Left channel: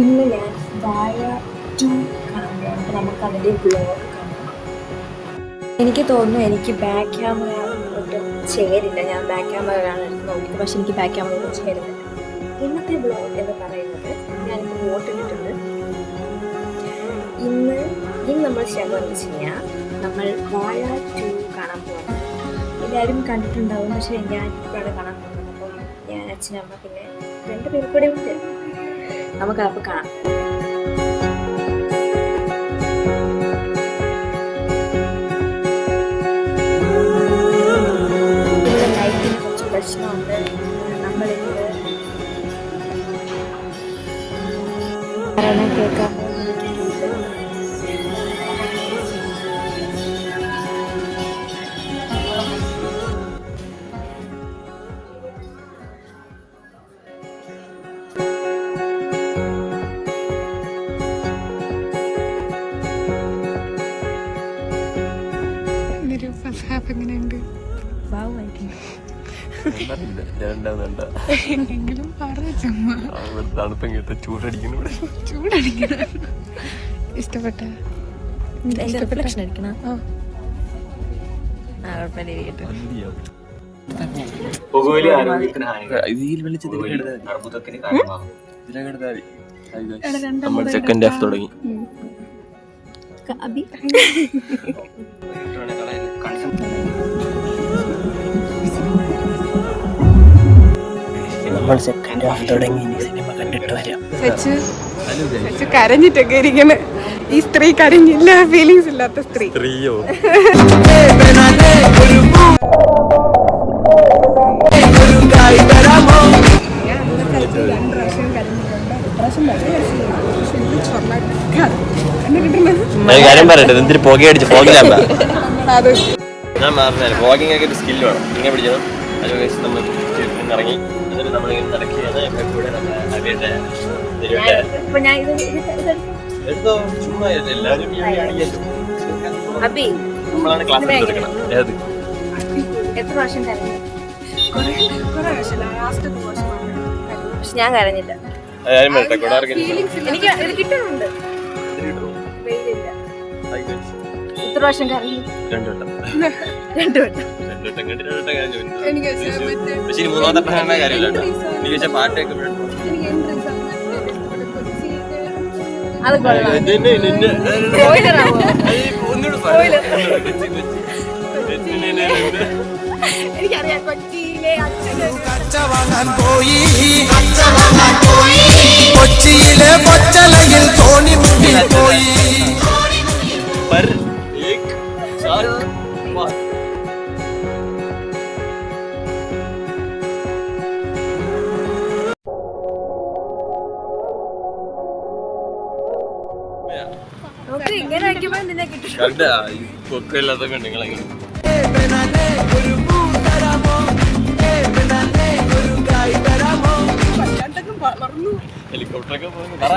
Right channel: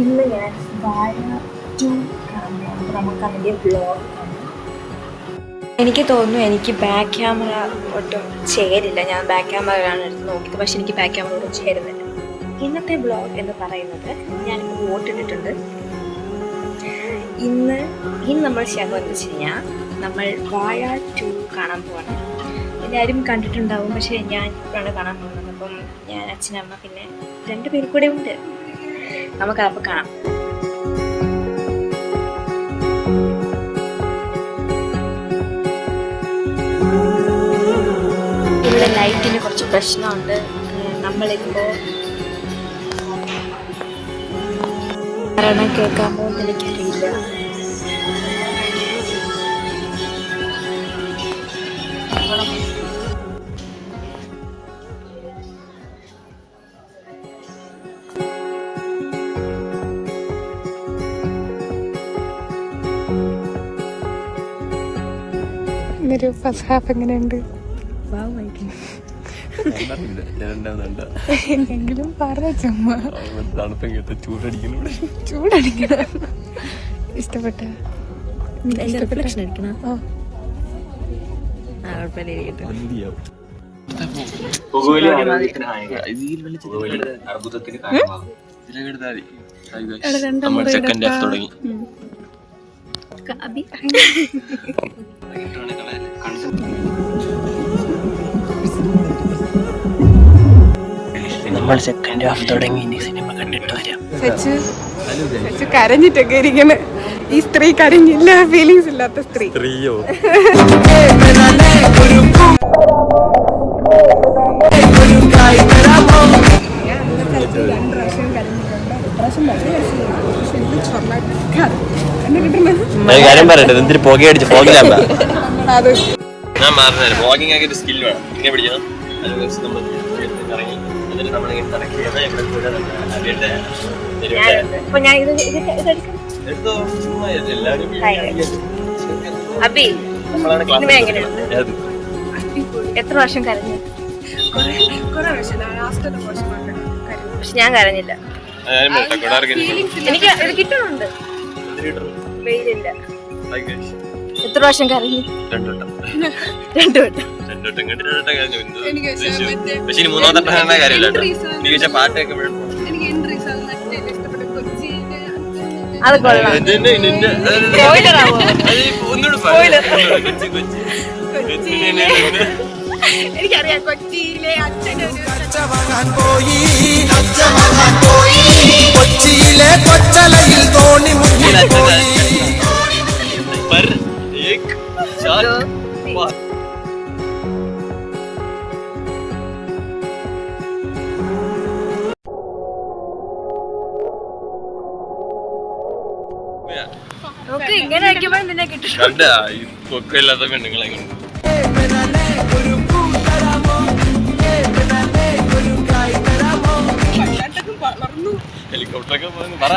ഇന്ന് ഞാൻ വാഴ 2 കാണാൻ പോകണം. അപ്പോൾ നമുക്ക് അതിൻ്റെ വ്ളോഗ് കാണാം. എനിക്ക് തോന്നുന്നു എനിക്ക് ബാക്ക് ക്യാമറ ഒട്ടും ചേരില്ല. ഞാൻ ബാക്ക് ക്യാമറയാണ് എടുത്ത് നോക്കിയത്, പക്ഷെ എനിക്ക് ബാക്ക് ക്യാമറ ഒട്ടും ചേരുന്നില്ല. ഇന്നത്തെ വ്ളോഗ് എന്ന് പറയുന്നത് ഞാനിപ്പോൾ വോട്ടിട്ടിട്ടുണ്ട്. ഇന്ന് നമ്മൾ ചെയ്യാൻ എന്ന് വെച്ച് കഴിഞ്ഞാൽ നമ്മൾ വാഴ 2 കാണാൻ പോകണം. എല്ലാവരും കണ്ടിട്ടുണ്ടാവും, പക്ഷേ ഞാൻ ഇപ്പോഴാണ് കാണാൻ പോകുന്നത്. അപ്പം ഞാൻ, അച്ഛനമ്മ, പിന്നെ 2 പേർ കൂടെ ഉണ്ട്. നമുക്കപ്പോൾ കാണാം. ഇവിടെ ലൈറ്റിന് കുറച്ച് പ്രശ്നമുണ്ട്. നമ്മളിപ്പോൾ കാരണം കേൾക്കാൻ പോകുന്ന എനിക്കറിയില്ല. ഫസ്റ്റ് ഹാഫ് എങ്ങനെയുണ്ട്? എങ്കിലും ചൂടടിക്കണം. ഇഷ്ടപ്പെട്ട സെക്കൻഡ് ഹാഫ് തുടങ്ങി. നമ്മൾ സെക്കൻഡ് ഹാഫ് തുടങ്ങി. ഇനി സിനിമ കണ്ടിട്ട് വരാം. സച്ചു കരഞ്ഞിട്ടൊക്കെ ഇരിക്കണ്. ഈ സ്ത്രീ കരഞ്ഞില്ല, ഫീലിങ്സ് ഇല്ലാത്ത സ്ത്രീ. സ്ത്രീയോ? കാര്യം പറയട്ടെ, എന്തിന് പുകയടിച്ച് പോകില്ല. ഞാൻ മാറുന്നല്ലേ, വ്ളോഗിംഗ് ഒക്കെ ഒരു സ്കില്ല് വേണം. ഇങ്ങനെ പിടിക്കണം. അത് നമ്മൾ ഇറങ്ങി എന്നിട്ട് നമ്മളിങ്ങനെ കണക്ട് ചെയ്യുന്ന ഇവിടെ കൂടെ എടുത്തോ. ചുമ്മാ എല്ലാവരും നമ്മളാണ് ക്ലാസ്. എത്ര വർഷം കരഞ്ഞു? പക്ഷെ ഞാൻ കരഞ്ഞില്ല. എനിക്ക് കിട്ടുന്നുണ്ട്. വെയിലില്ല. എത്ര പ്രാവശ്യം കരഞ്ഞു? 2 വട്ടം. 2 വട്ടം. പക്ഷെ ഇനി 3ാമത്തെ വട്ടം കാര്യമില്ല. നീ വെച്ച പാട്ടൊക്കെ എനിക്കറിയാം. കൊച്ചിയിലെ ഇങ്ങനെ കണ്ട ഈ പൊക്കമില്ലാത്ത പെണ്ണുങ്ങളെങ്ങനെ ഹെലികോപ്റ്ററൊക്കെ പറ.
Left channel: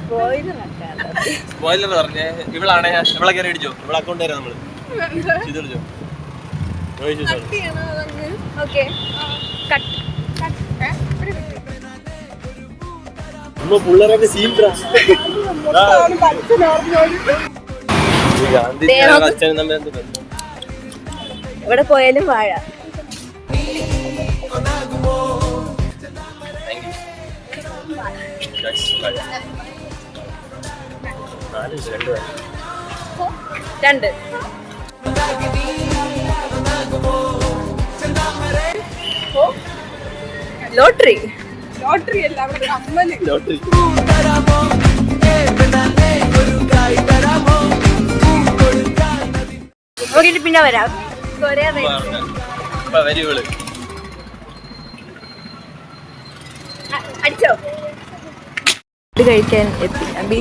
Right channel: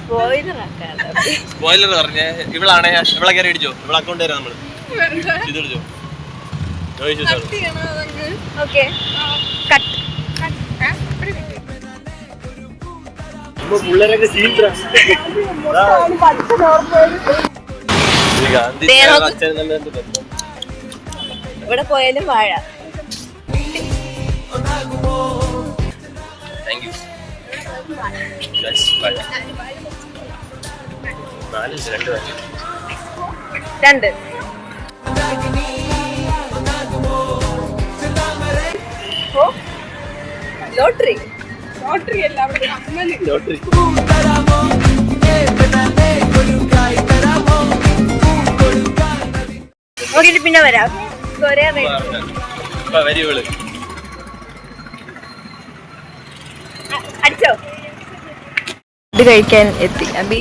സ്പോയിലർ പറഞ്ഞേ. ഇവളാണേ ഇവളെ കയറി അടിച്ചോ. ഇവളെ അക്കൗണ്ട് തരാം നമ്മള്. ഇതടിച്ചോ. പിള്ളേരൊക്കെ സീൻട്രാ. അച്ഛനും നമ്മൾ എന്ത് ബന്ധം? ഇവിടെ പോയാലും വാഴ. Thank you. 2 ലോട്ടറി. ലോട്ടറി അല്ല, ലോട്ടറി. നോക്കിട്ട് പിന്നെ വരാം. അടിച്ചോ? ഇത് കഴിക്കാൻ എത്തി അബി.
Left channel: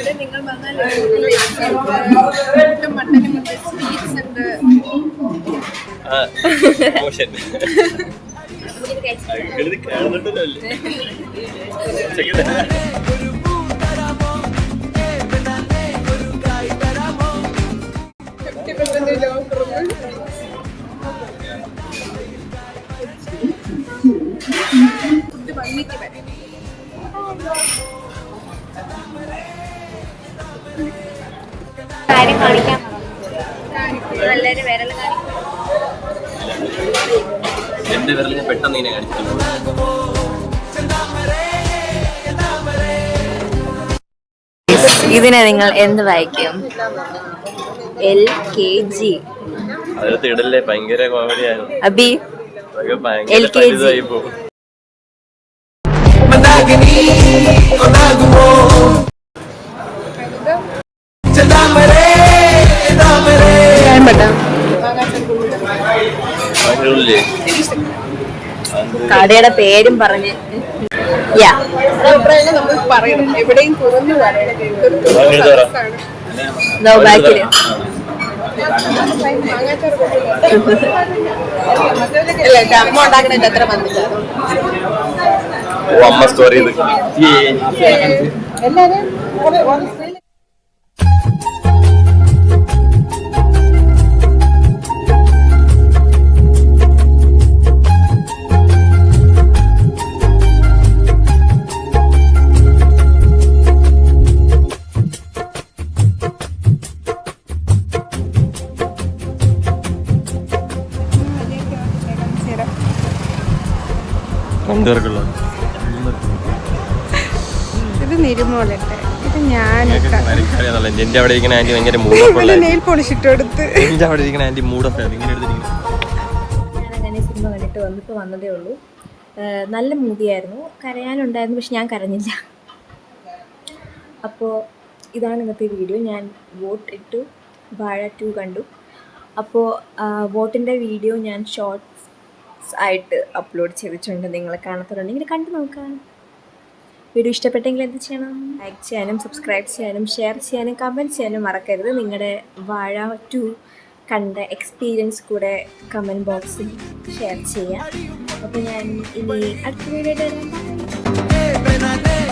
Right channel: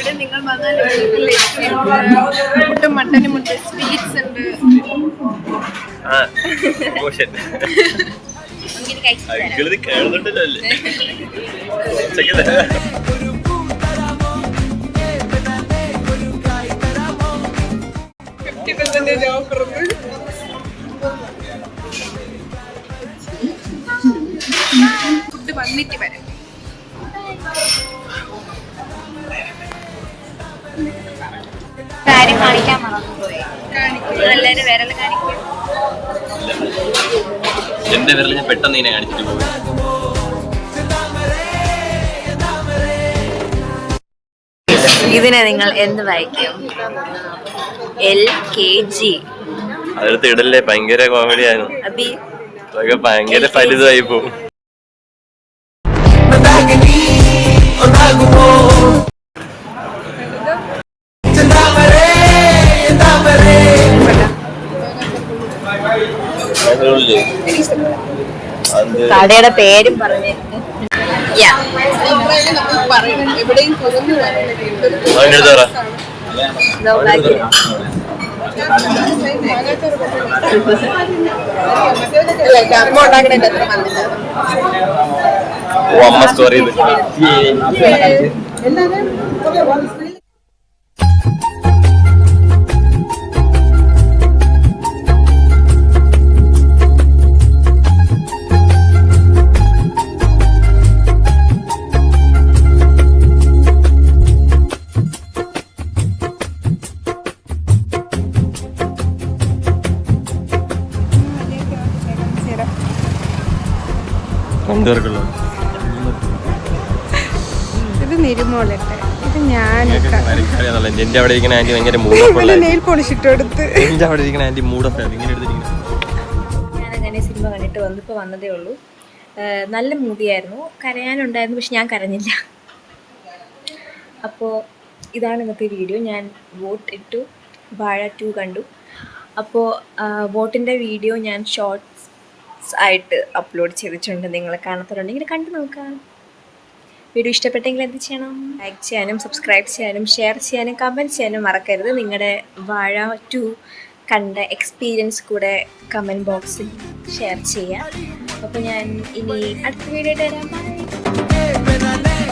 ഇവിടെ നിങ്ങൾ വന്നാൽ മുട്ടും മട്ടനും ഉണ്ട്, സ്വീറ്റ്സ് ഉണ്ട്. കാണുന്നുണ്ടല്ലേ 50% ഓഫർ ഉണ്ട്. ഫുഡ് വന്നിട്ട് വരാം. കാര്യം കാണിക്കാൻ മറന്നുപോയി. എല്ലാവരും വിരൽ കാണിക്കും. എന്റെ വിരൽ ഞാൻ പെട്ടെന്ന് ഇതിനെ കാണിച്ചിരിക്കും. ഇതിനെ നിങ്ങൾ എന്ത് വായിക്കും? LKG. അതിനകത്ത് ഇടല്ലേ, ഭയങ്കര കോമഡിയാണ്. അബി അതൊക്കെ ഭയങ്കര പരിതായി പോകും. കടയുടെ പേരും പറഞ്ഞ് നമ്മൾ പറയണം, എവിടെയും കുറഞ്ഞു പറയണം. ബാക്കില് അമ്മ ഉണ്ടാക്കണ അത്ര വന്നില്ല, ഓ അമ്മ സ്റ്റോറി ഇത്. എല്ലാരും ഇത് നിരുമോളട്ടെ, ഇത് ഞാനിട്ട എന്റെ അവിടെ ഇരിക്കുന്ന ആന്റി ഭയങ്കര മൂടപ്പുള്ള നെയിൽ പോളിഷ് ഇട്ട് കൊടുത്ത്. എന്റെ അവിടെ ഇരിക്കുന്ന ആന്റി മൂടപ്പാണ് ഇങ്ങനെ എടുത്തിരിക്കുന്നത്. ഞാനങ്ങനെ സിനിമ കണ്ടിട്ട് വന്നിപ്പോൾ വന്നതേ ഉള്ളൂ. നല്ല മൂവിയായിരുന്നു, കരയാനുണ്ടായിരുന്നു, പക്ഷെ ഞാൻ കരഞ്ഞില്ല. അപ്പോൾ ഇതാണ് ഇന്നത്തെ വീഡിയോ. ഞാൻ വോട്ട് ഇട്ടു, വാഴ 2 കണ്ടു. അപ്പോൾ വോട്ടിൻ്റെ വീഡിയോ ഞാൻ ഷോർട്ട്സ് ആയിട്ട് അപ്ലോഡ് ചെയ്തിട്ടുണ്ട്. നിങ്ങൾ കാണാത്തവരുണ്ടെങ്കിൽ കണ്ടു നോക്കാം. വീഡിയോ ഇഷ്ടപ്പെട്ടെങ്കിൽ എന്ത് ചെയ്യണം? ലൈക്ക് ചെയ്യാനും സബ്സ്ക്രൈബ് ചെയ്യാനും ഷെയർ ചെയ്യാനും കമൻറ്റ് ചെയ്യാനും മറക്കരുത്. നിങ്ങളുടെ വാഴ 2 കണ്ട എക്സ്പീരിയൻസ് കൂടെ കമൻറ്റ് ബോക്സിൽ ഷെയർ ചെയ്യാം. അപ്പോൾ ഞാൻ ഇനി അടുത്ത വീഡിയോ വരാം. ബൈ.